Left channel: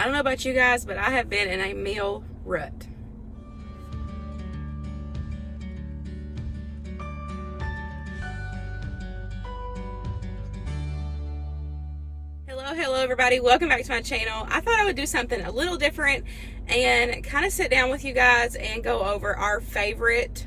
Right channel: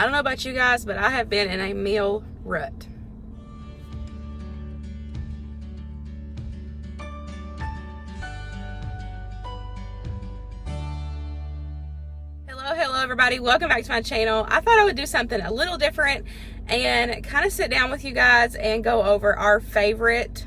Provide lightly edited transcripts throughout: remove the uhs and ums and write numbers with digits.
I don't know about you guys, but I have been in a meal rut. Hello everybody, welcome back to my channel. I thought I would do something a little different and kind of sit down with you guys and go over our favorite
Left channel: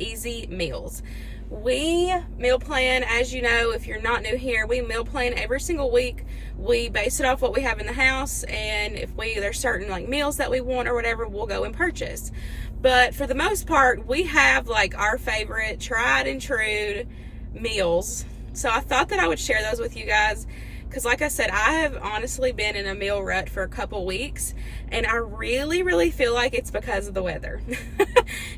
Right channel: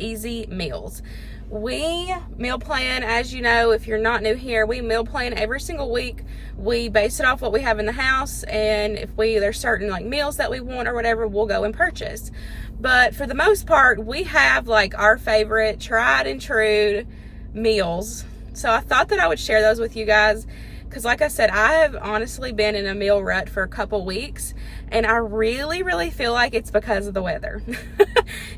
easy meals. We meal plan, as you know, if you're not new here, we meal plan every single week. We base it off what we have in the house, and if there's certain like meals that we want or whatever, we'll go and purchase. But for the most part, we have like our favorite tried and true meals. So I thought that I would share those with you guys. Because like I said, I have honestly been in a meal rut for a couple weeks, and I really feel like it's because of the weather.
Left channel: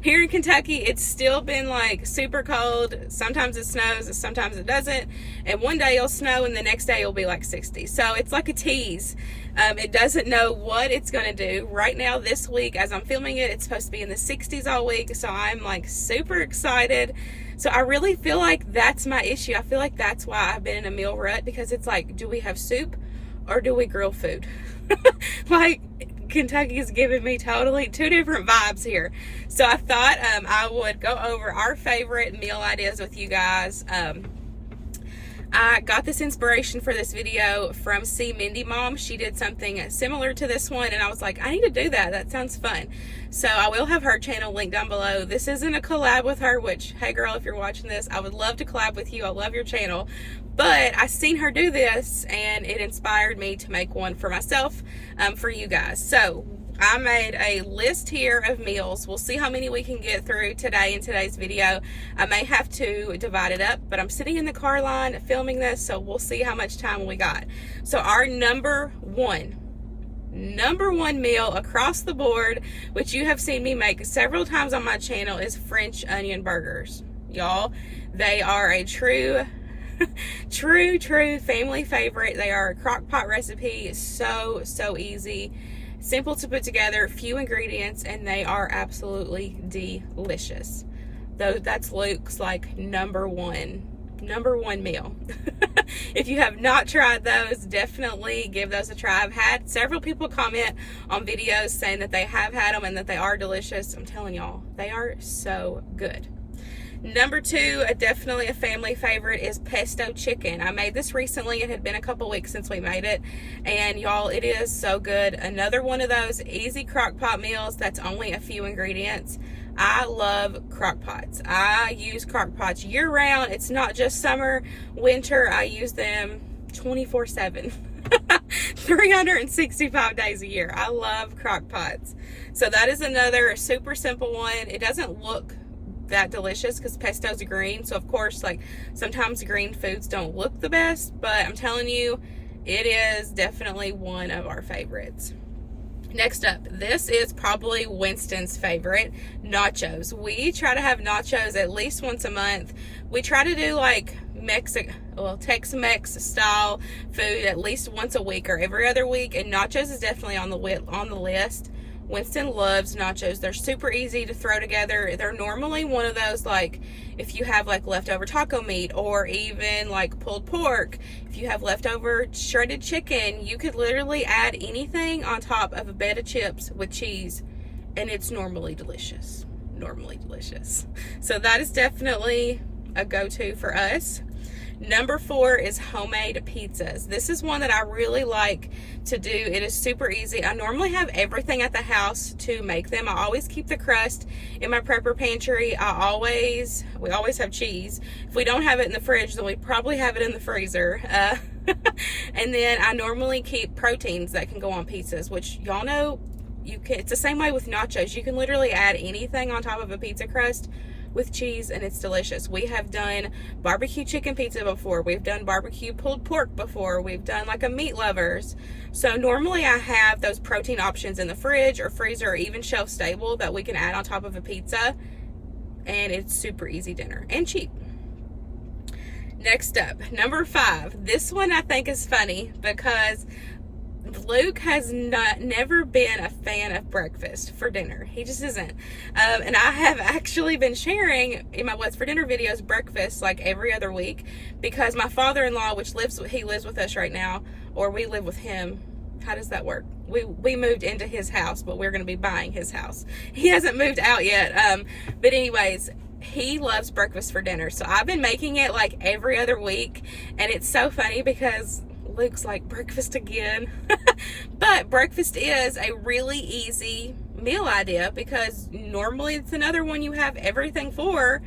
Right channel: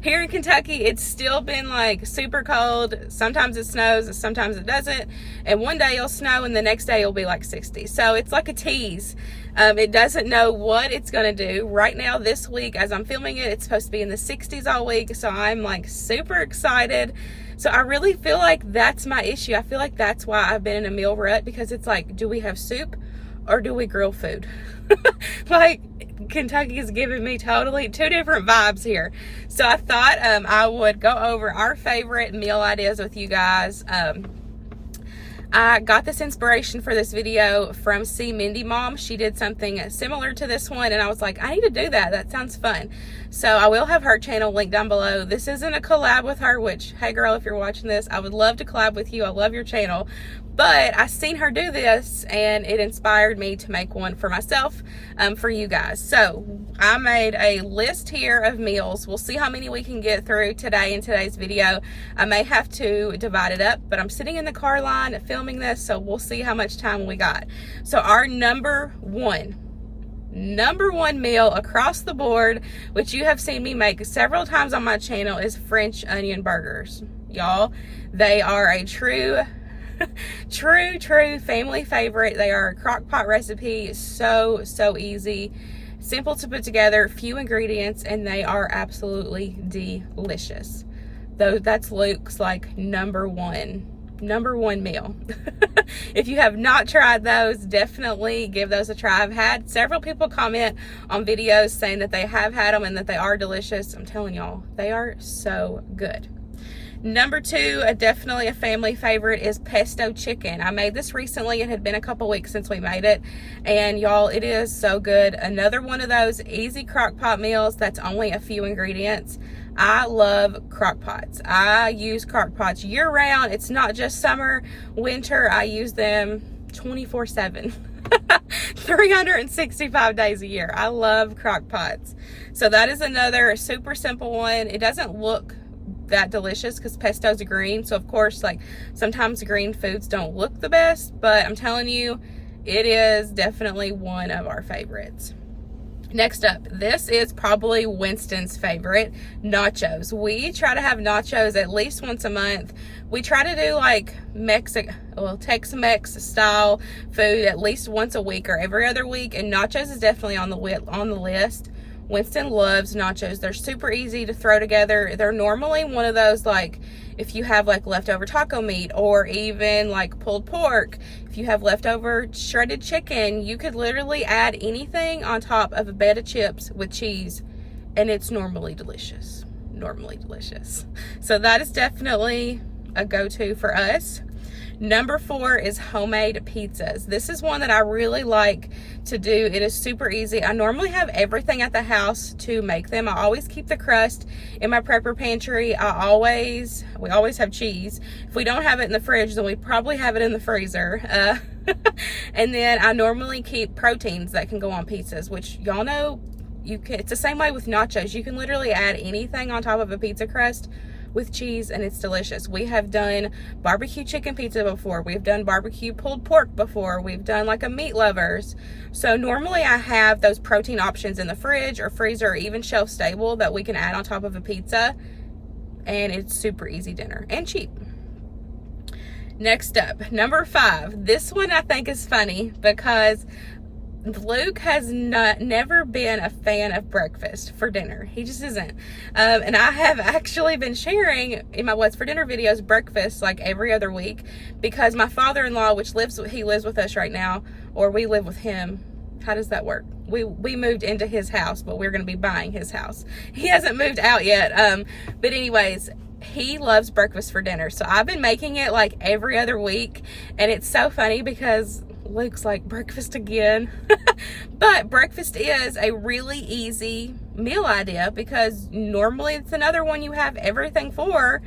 Here in Kentucky, it's still been like super cold. Sometimes it snows, sometimes it doesn't. And one day it'll snow and the next day it'll be like 60. So it's like a tease. It doesn't know what it's going to do. Right now, this week, as I'm filming it, it's supposed to be in the 60s all week. So I'm like super excited. So I really feel like that's my issue. I feel like that's why I've been in a meal rut, because it's like, do we have soup or do we grill food? Like, Kentucky is giving me totally two different vibes here. So I thought I would go over our favorite meal ideas with you guys. I got this inspiration for this video from Mindy Mom. She did something similar to this one, and I was like, I need to do that. That sounds fun. So I will have her channel linked down below. This isn't a collab with her, which, hey girl, if you're watching this, I would love to collab with you. I love your channel. But I seen her do this, and it inspired me to make one for myself, for you guys. So I made a list here of meals. We'll see how many we can get through today in today's video. I may have to divide it up, but I'm sitting in the car line filming this, so we'll see how much time we got. So our number one meal across the board, which you have seen me make several times on my channel, is French onion burgers. Y'all, they are a true family favorite. They are a crock pot recipe. So easy, simple to put together, few ingredients, and they are absolutely delicious. Though that's Luke's like number one meal. If you have not tried those, definitely give those a try. I've had several people comment on videos saying that they have had them and that they are delicious. I'm telling y'all, they are so good. Number two, definitely a family favorite, is pesto chicken. I made this recently. It had been a couple weeks since we made it, and y'all, it is so good. Another one of those easy crock pot meals that's only a few ingredients. I love crock pots. I use crock pots year round. It's not just summer, winter. I use them 24/7. 365 days a year. I love crock pots. So that is another super simple one. It doesn't look that delicious because pesto's green, so of course, like, sometimes green foods don't look the best, but I'm telling you, it is definitely one of our favorites. Next up, this is probably Winston's favorite, nachos. We try to have nachos at least once a month. We try to do like Tex-Mex style food at least once a week or every other week, and nachos is definitely on the list. Winston loves nachos. They're super easy to throw together. They're normally one of those, like, if you have like leftover taco meat, or even like pulled pork, if you have leftover shredded chicken, you could literally add anything on top of a bed of chips with cheese, and it's normally delicious. So that is definitely a go-to for us. Number four is homemade pizzas. This is one that I really like to do. It is super easy. I normally have everything at the house to make them. I always keep the crust in my prepper pantry. We always have cheese. If we don't have it in the fridge, then we probably have it in the freezer. And then I normally keep proteins that can go on pizzas, which y'all know it's the same way with nachos. You can literally add anything on top of a pizza crust with cheese, and it's delicious. We have done barbecue chicken pizza before. We've done barbecue pulled pork before. We've done like a meat lovers. So normally I have those protein options in the fridge or freezer, or even shelf stable, that we can add on top of a pizza, and it's super easy dinner and cheap. Next up, number five. This one I think is funny because Luke has never been a fan of breakfast for dinner. He just isn't. And I have actually been sharing in my What's for Dinner videos breakfast like every other week, because my father-in-law, he lives with us right now, or we live with him. How does that work? we moved into his house, but we're going to be buying his house. He hasn't moved out yet. But anyways, he loves breakfast for dinner. So I've been making it like every other week. And it's so funny because Luke's like, breakfast again. But breakfast is a really easy meal idea because normally it's another one you have everything for.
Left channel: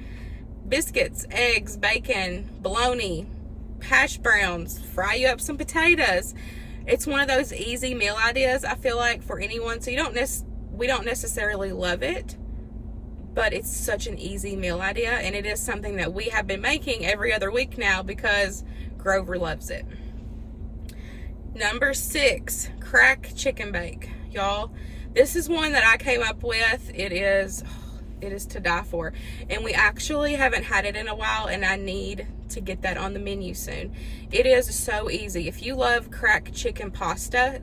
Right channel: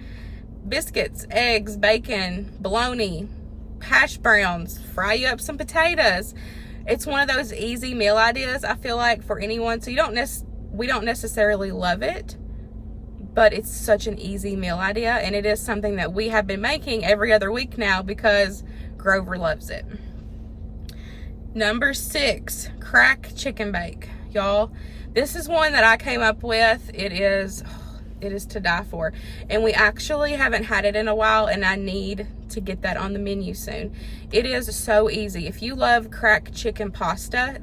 Biscuits, eggs, bacon, bologna, hash browns, fry you up some potatoes. It's one of those easy meal ideas, I feel like, for anyone. So we don't necessarily love it, but it's such an easy meal idea, and it is something that we have been making every other week now because Grover loves it. Number 6, crack chicken bake. Y'all, this is one that I came up with. It is to die for, and we actually haven't had it in a while, and I need to get that on the menu soon. It is so easy. If you love crack chicken pasta,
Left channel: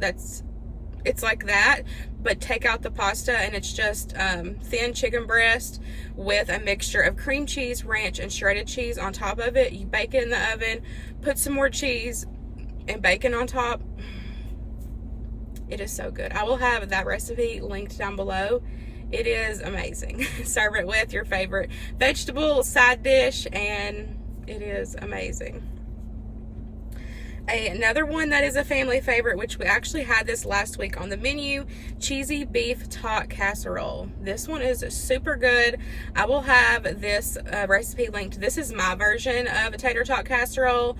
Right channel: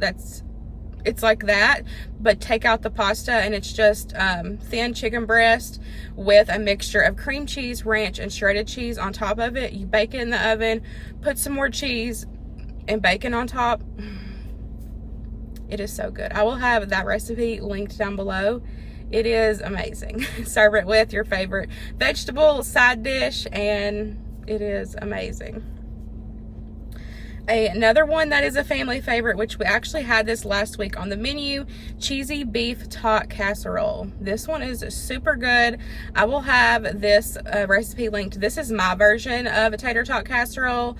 it's like that, but take out the pasta, and it's just thin chicken breast with a mixture of cream cheese, ranch, and shredded cheese on top of it. You bake it in the oven, put some more cheese and bacon on top. It is so good. I will have that recipe linked down below. It is amazing. Serve it with your favorite vegetable side dish, and it is amazing. Another one that is a family favorite, which we actually had this last week on the menu, cheesy beef tot casserole. This one is super good. I will have this recipe linked. This is my version of a tater tot casserole.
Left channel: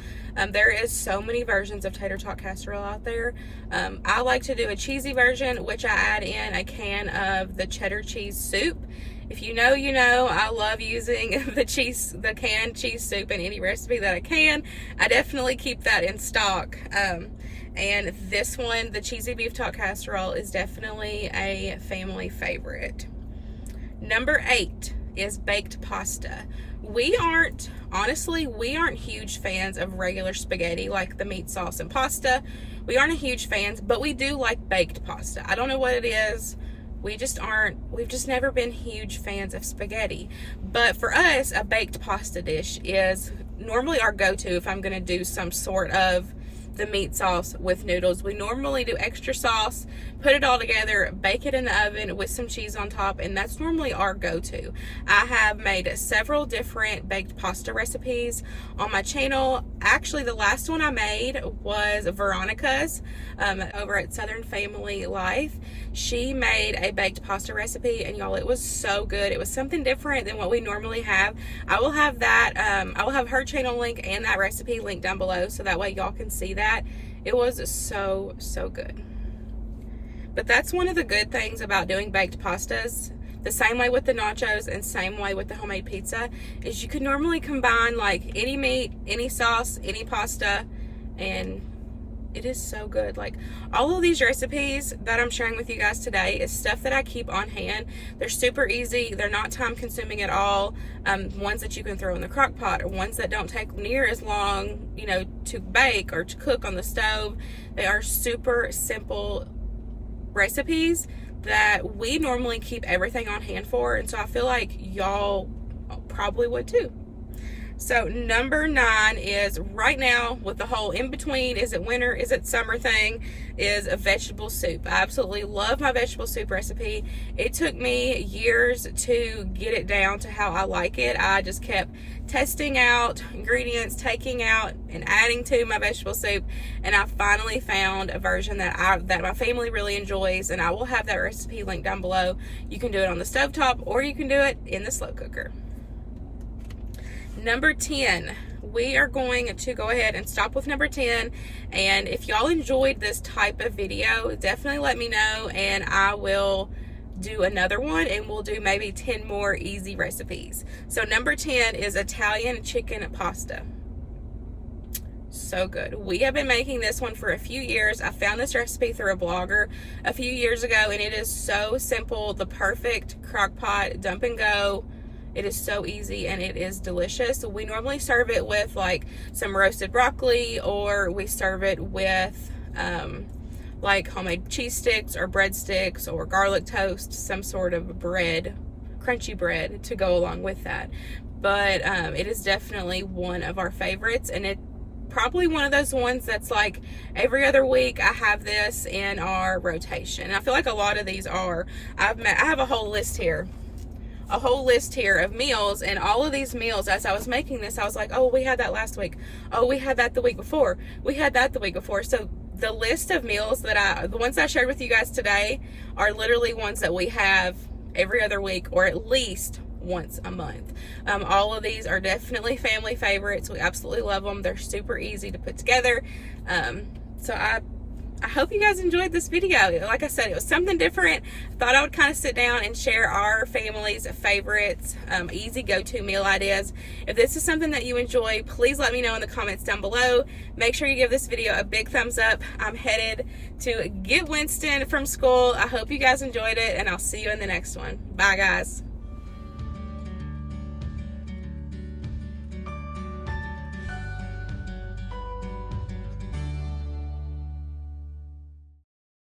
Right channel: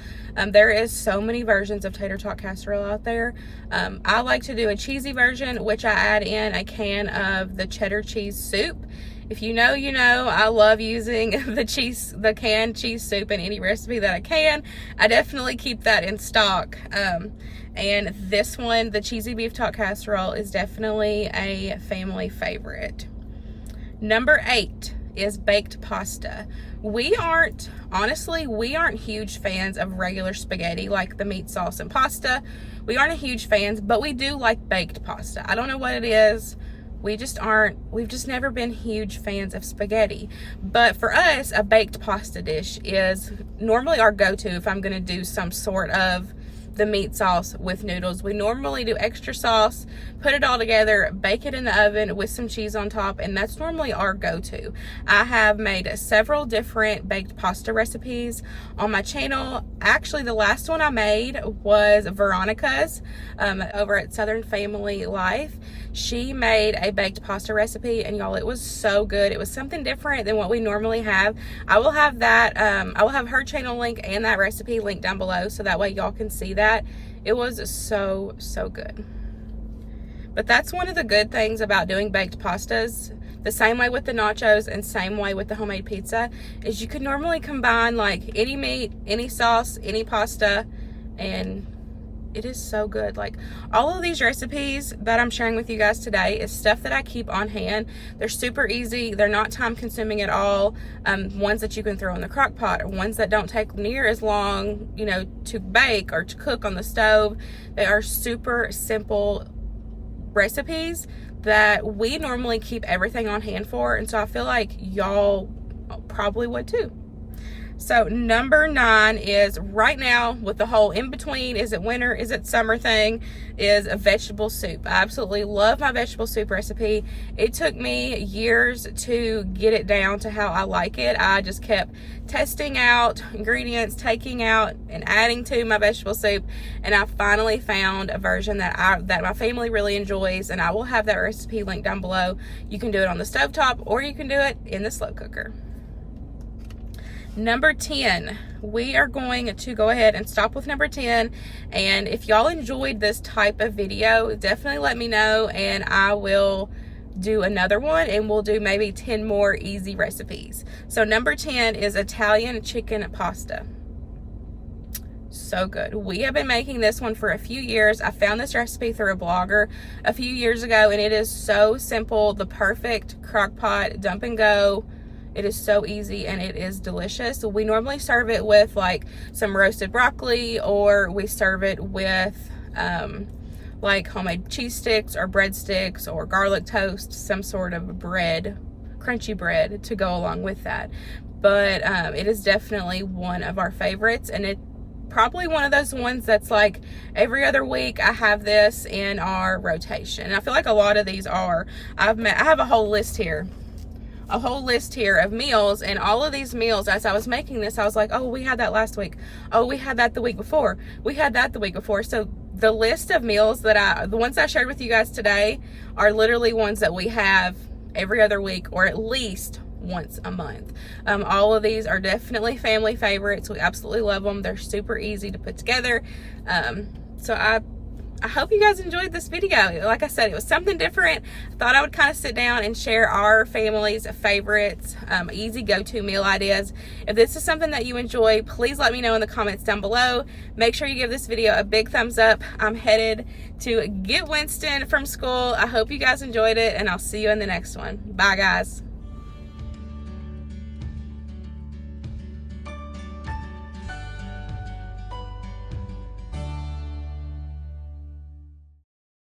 There is so many versions of tater tot casserole out there. I like to do a cheesy version, which I add in a can of the cheddar cheese soup. If you know, you know. I love using the canned cheese soup in any recipe that I can. I definitely keep that in stock. And this one, the cheesy beef tot casserole, is definitely a family favorite. Number 8 is baked pasta. We aren't huge fans of regular spaghetti, like the meat sauce and pasta. We aren't a huge fans, but we do like baked pasta. I don't know what it is. We've just never been huge fans of spaghetti. But for us, a baked pasta dish is normally our go-to if I'm gonna do some sort of the meat sauce with noodles. We normally do extra sauce, put it all together, bake it in the oven with some cheese on top, and that's normally our go-to. I have made several different baked pasta recipes on my channel. Actually, the last one I made was Veronica's over at SouthernWife. She made a baked pasta recipe, and y'all, it was so good. It was something different than what we normally have. I will have that, I will have her channel link and that recipe linked down below, so that way y'all can see that. It was so good. But that's one of the good things about doing baked pastas. The same way with the nachos and same way with the homemade pizza, is you could normally combine like any meat, any sauce, any pasta, and it is so good. Like, all of these recipes that I'm sharing with you guys today is stuff that I keep on hand. They're super easy. They're not time consuming at all. Ones that you can throw in the crock pot, or ones that don't take near as long, you know, to bake or to cook on the stove. They are super simple recipes that we normally keep everything on hand for, and so I feel like y'all probably would too. So number 9 is, right now with the whole in between, is it winter, is it summer thing, is a vegetable soup. I absolutely love my vegetable soup recipe. It took me years to get it down to how I like it. I just kept testing out ingredients, taking out and adding to my vegetable soup, and I finally found a version that my family really enjoys, and I will have that recipe linked down below. You can do it on the stovetop, or you can do it in the slow cooker. Number 10, we are going to go ahead and stop with number 10, and if y'all enjoyed this type of video, definitely let me know, and I will do another one, and we'll do maybe 10 more easy recipes. So number 10 is Italian chicken pasta. So good. We have been making this one for a few years. I found this recipe through a blogger a few years ago, and it is so simple, the perfect crock pot dump and go. It is so easy, and it is delicious. We normally serve it with like some roasted broccoli, or we serve it with like homemade cheese sticks or breadsticks or garlic toast, some sort of bread, crunchy bread to go along with that. But it is definitely one of our favorites, and probably one of those ones that's like every other week I have this in our rotation. And I feel like a lot of these are. I have a whole list here. A whole list here of meals, and all of these meals, as I was making this, I was like, oh, we had that last week. Oh, we had that the week before. We had that the week before. So the list of meals that the ones I shared with you guys today are literally ones that we have every other week, or at least once a month. All of these are definitely family favorites. We absolutely love them. They're super easy to put together. So I hope you guys enjoyed this video. Like I said, it was something different. I thought I would kind of sit down and share our family's favorites, easy go-to meal ideas. If this is something that you enjoy, please let me know in the comments down below. Make sure you give this video a big thumbs up. I'm headed to get Winston from school. I hope you guys enjoyed it, and I'll see you in the next one. Bye, guys.